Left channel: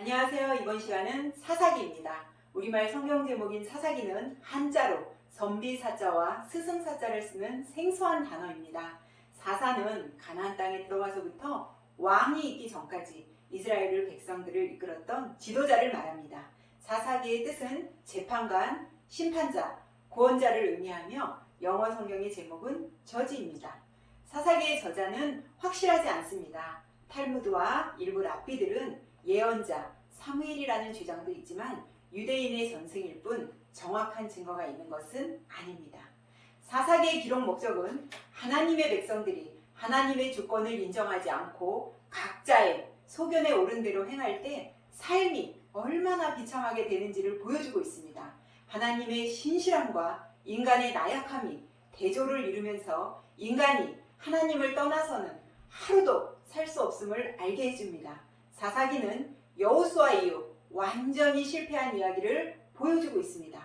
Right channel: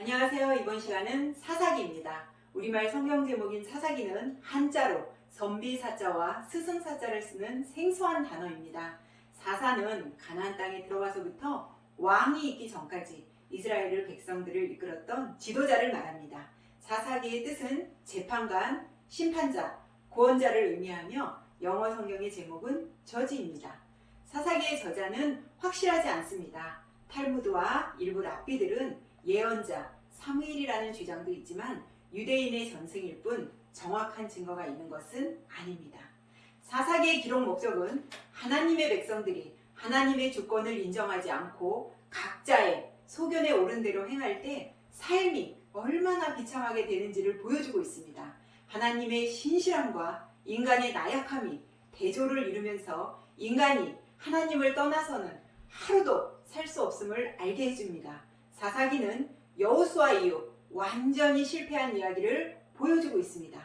안녕하세요. 이번 시간은 사사기입니다. 우리말 성경 제목인 사사기는 한자로 선비사자와 스승사자를 쓰는 생소한 단어입니다. 사사는 가나안 땅에 들어가서부터 왕이 있기 전까지 이스라엘 백성들을 이끌었던 지도자를 말합니다. 사사기의 뜻은 재판관, 심판자, 구원자를 의미하며 영어 성경의 제목은 저지입니다. 사사기의 저자는 확실하지 않습니다. 탈무드와 일부 랍비들은 예언자 사무엘이라는 주장도 있지만 유대인의 전승일 뿐 정확한 증거가 있는 것은 아닙니다. 사사기의 기록 목적은 하나님의 백성들이 하나님의 주권을 인정하지 않고 각자의 소견에 오른 대로 행할 때 삶이 얼마나 비참하게 되는지를 보여주고 있습니다. 하나님의 신실함과 인간의 나약함이 대조를 이루면서 인간이 하나님을 떠나서는 하루도 살 수 없음을 알게 해줍니다. 사사기는 여호수아 이후 완전히 실패한 이야기를 보여주고 있습니다.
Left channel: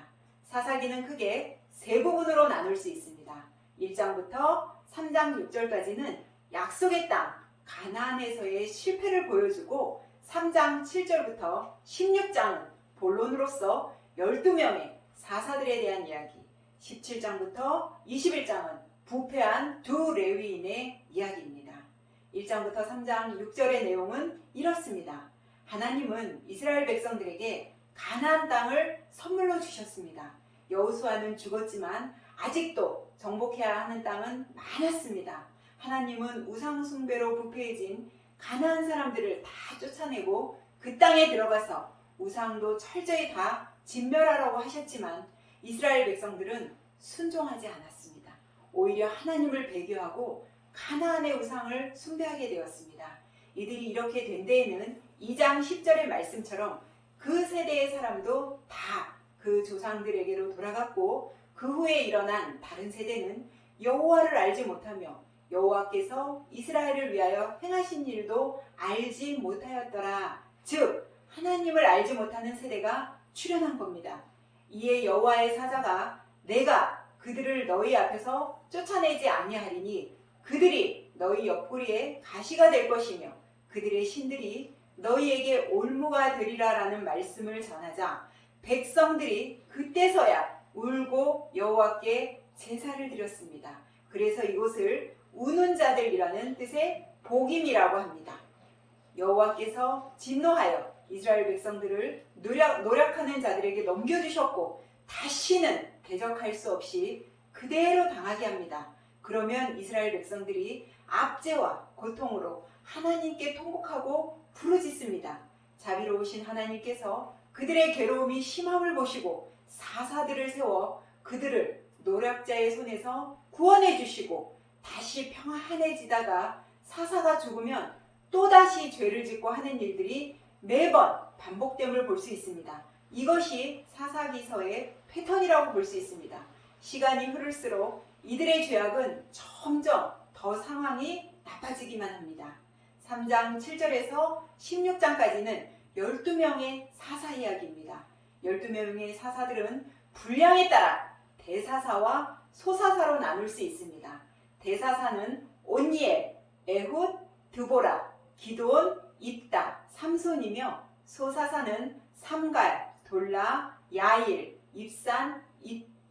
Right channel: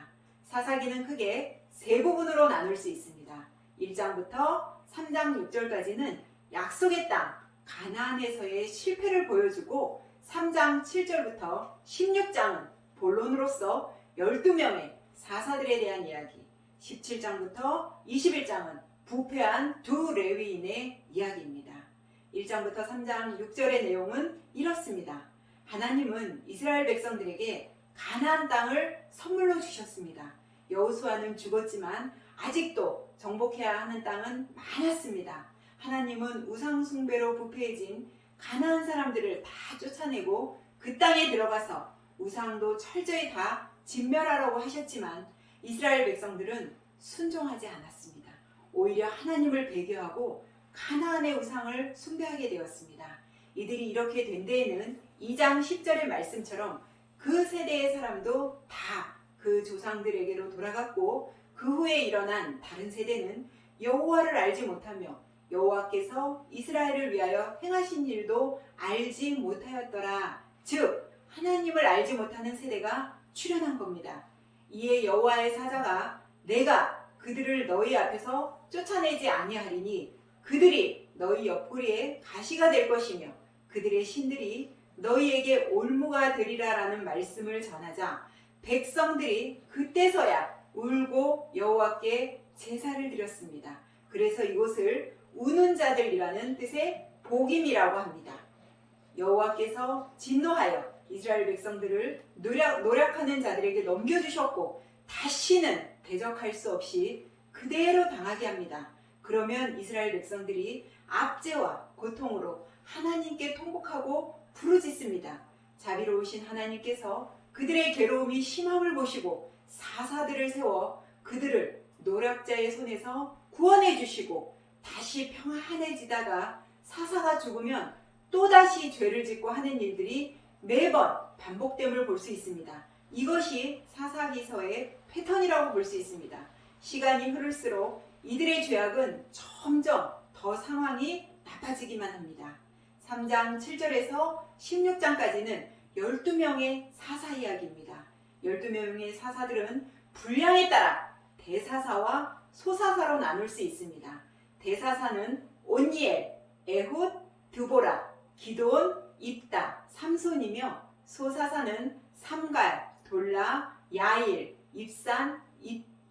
사사기는 크게 세 부분으로 나눌 수 있습니다. 1장부터 3장 6절까지는 약속의 땅 가나안에서의 실패를 보여주고 3장 7절부터 16장은 본론으로서 12명의 사사들에 대한 이야기, 17장부터 21장은 부패한 두 레위인의 이야기입니다. 1장부터 3장 6절의 내용은 이렇습니다. 하나님은 이스라엘 백성들에게 가나안 땅을 선물로 주셨습니다. 여호수아는 죽었지만 아직도 정복해야 하는 땅은 많았습니다. 하나님은 우상 숭배로 부패해진 가나안 사람들을 다 쫓아내고 그 땅에 들어가서 우상도 철저히 다 진멸하라고 하셨지만 이스라엘 백성들은 순종하지 않았습니다. 오히려 하나님을 배교하고 가나안의 우상을 숭배하게 되었습니다. 이들이 이렇게 된 데에는 2장 10절의 말씀처럼 그 세대의 사람도 다 그 조상들에게로 돌아갔고 그 후에 일어난 다른 세대는 여호와를 알지 못하며 여호와께서 이스라엘을 위하여 행하신 일도 알지 못하였더라. 즉 하나님을 알지 못하는 세대가 출현한 겁니다. 이에 여호와의 사자가 내가 그들을 너희 앞에서 쫓아내지 아니하리니 그들이 너희 옆구리에 가시가 될 것이며 그들의 신들이 너희에게 올무가 되리라라는 말씀을 전하자 백성들이 그때서야 울고 여호와께 제사를 드렸습니다. 그래서 이곳을 우는 자들이라는 뜻의 복임이라고 합니다. 여호와께서 진노하여 이스라엘 백성들을 노력하는 자들에게 넘겨주셨고 다시는 대적할 수 없이 그대로 당하게 합니다. 그러면 이스라엘 백성들이 압제와 고통으로 하나님께 통곡하고 부르짖습니다. 자비로우신 하나님께서 그들의 괴로움이 심함을 보시고 사사들을 세워 그들을 노략자의 손에서 구원해 주시고 다시 평안해지다가 사사가 죽으면 또다시 죄를 짓고 하는 일들이 매번 반복됨을 볼 수 있습니다. 이것이 사사기서의 패턴이라고 볼 수 있습니다. 시간이 흐를수록 이들의 죄악은 점점 더 상황이 나빠지기만 합니다. 3장 7절에서 16장까지는 12명의 사사 이야기입니다. 12명의 사사들은 분량에 따라 대사사와 소사사로 나눌 수 있습니다. 대사사는 온니엘, 에훗, 드보라, 기드온, 입다, 삼손이며 소사사는 삼갈, 돌라, 야일, 입산,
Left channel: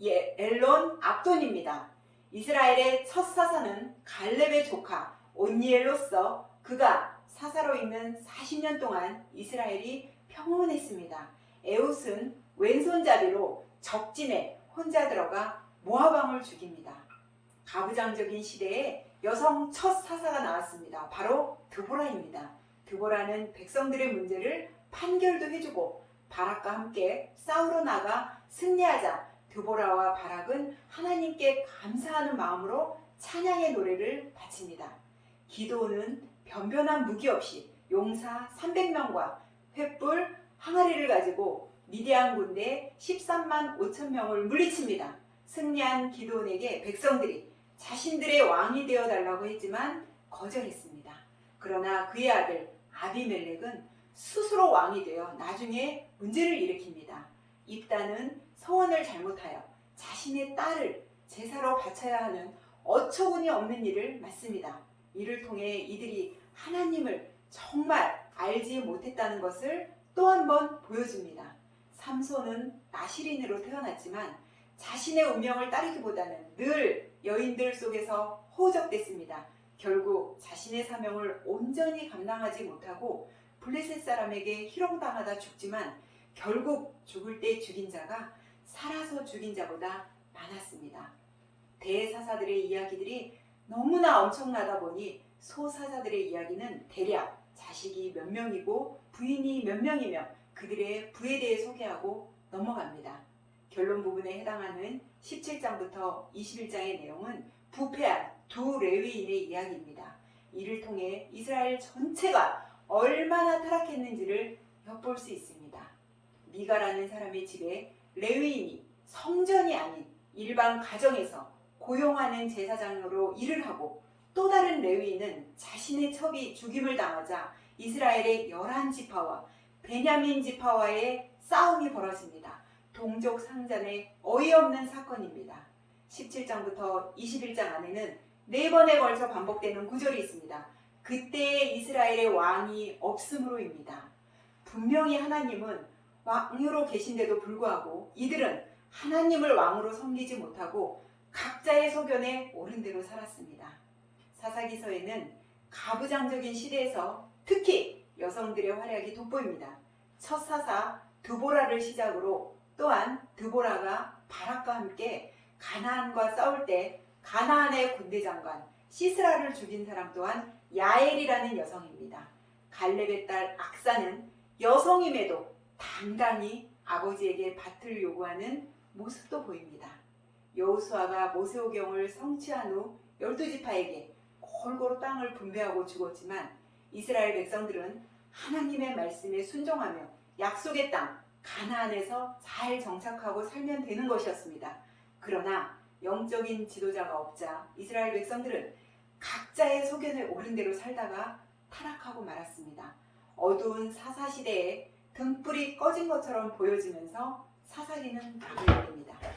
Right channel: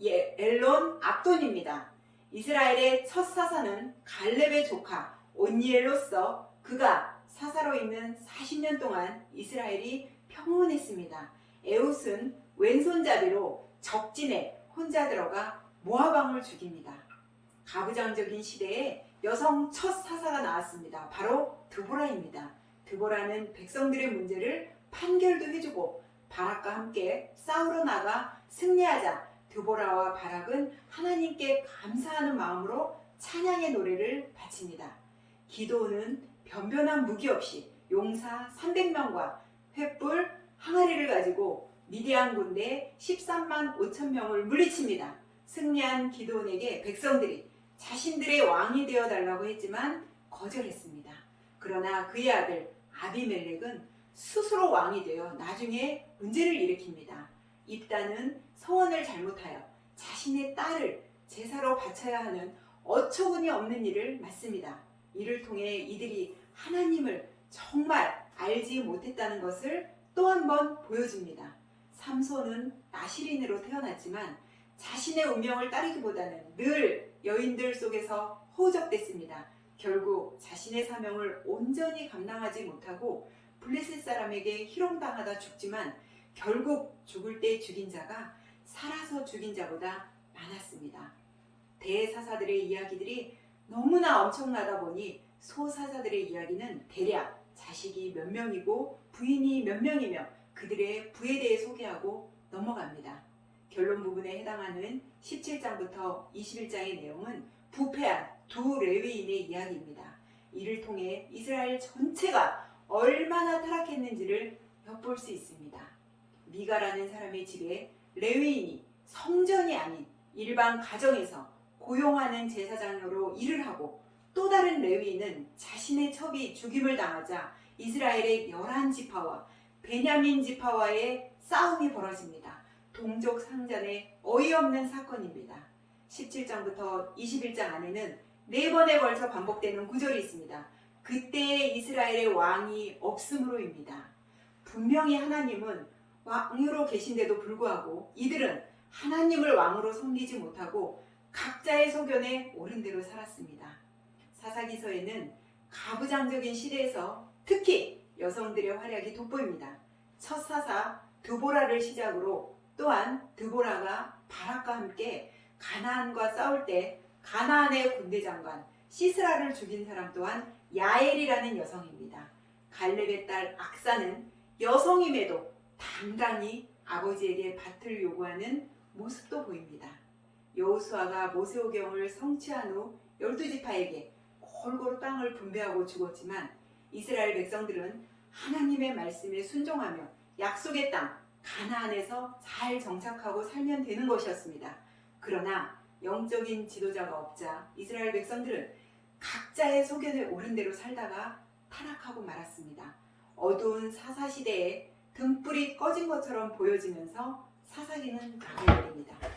엘론, 압돈입니다. 이스라엘의 첫 사사는 갈렙의 조카 온니엘로서 그가 사사로 있는 40년 동안 이스라엘이 평온했습니다. 에훗은 왼손잡이로 적진에 혼자 들어가 모압 왕을 죽입니다. 가부장적인 시대에 여성 첫 사사가 나왔습니다. 바로 드보라입니다. 드보라는 백성들의 문제를 판결도 해주고 바락과 함께 싸우러 나가 승리하자 드보라와 바락은 하나님께 감사하는 마음으로 찬양의 노래를 바칩니다. 기드온은 변변한 무기 없이 용사 300명과 횃불, 항아리를 가지고 미디안 군대 13만 5천 명을 물리칩니다. 승리한 기드온에게 백성들이 자신들의 왕이 되어달라고 했지만 거절했습니다. 그러나 그의 아들 아비멜렉은 스스로 왕이 되어 나중에 문제를 일으킵니다. 입다는 서원을 잘못하여 자신의 딸을 제사로 바쳐야 하는 어처구니 없는 일을 맡습니다. 이를 통해 이들이 하나님을 정말 알지 못했다는 것을 또 한 번 보여줍니다. 삼손은 나시린으로 태어났지만 자신의 운명을 따르기보다는 늘 여인들 속에서 허우적댔습니다. 결국 자신의 사명을 온전히 감당하지 못하고 블레셋 사람에게 희롱당하다 죽지만 결국 죽을 때 죽인 자가 살아서 죽인 자보다 많았습니다. 대사사들의 이야기들이 너무나 엄청나다 보니 소사사들의 이야기는 대략 자식이 몇 명이고 부인이 몇 명이며 그들의 부에 대해 소개하고 넘어갑니다. 결론 부분에 해당하는 17장부터 21장의 내용은 부패한 두 레위인의 이야기입니다. 이를 통해 이스라엘 전체가 얼마나 타락했는지를 엿볼 수 있습니다. 미가라는 사람의 집에 레위인이 성전이 아닌 일반 가정에서 고용하는 제사장으로 일을 하고 또 다른 레위인은 자신의 첩이 죽임을 당하자 이스라엘의 11지파와 베냐민 지파와의 싸움이 벌어집니다. 동족 상잔의 어이없는 사건입니다. 17장부터 21장 안에는 4번에 걸쳐 반복되는 구절이 있습니다. 그때에 이스라엘의 왕이 없음으로입니다. 분명히 하나님은 왕으로 계신데도 불구하고 이들은 하나님을 왕으로 섬기지 못하고 각자의 소견에 옳은 대로 살았습니다. 사사기서에는 가부장적인 시대에서 특히 여성들의 활약이 돋보입니다. 첫 사사 드보라를 시작으로 또한 드보라가 바락과 함께 가나안과 싸울 때 가나안의 군대 장관 시스라를 죽인 사람 또한 야엘이라는 여성입니다. 갈렙의 딸 악사는 여성임에도 당당히 아버지에게 밭을 요구하는 모습도 보입니다. 여호수아가 모세오경을 성취한 후 12지파에게 골고루 땅을 분배하고 죽었지만 이스라엘 백성들은 하나님의 말씀에 순종하며 약속의 땅 가나안에서 잘 정착하고 살면 되는 것이었습니다. 그러나 영적인 지도자가 없자 이스라엘 백성들은 각자의 소견에 옳은 대로 살다가 타락하고 말았습니다. 어두운 사사시대에 등불이 꺼진 것처럼 보여지면서 사사기는 나가버립니다.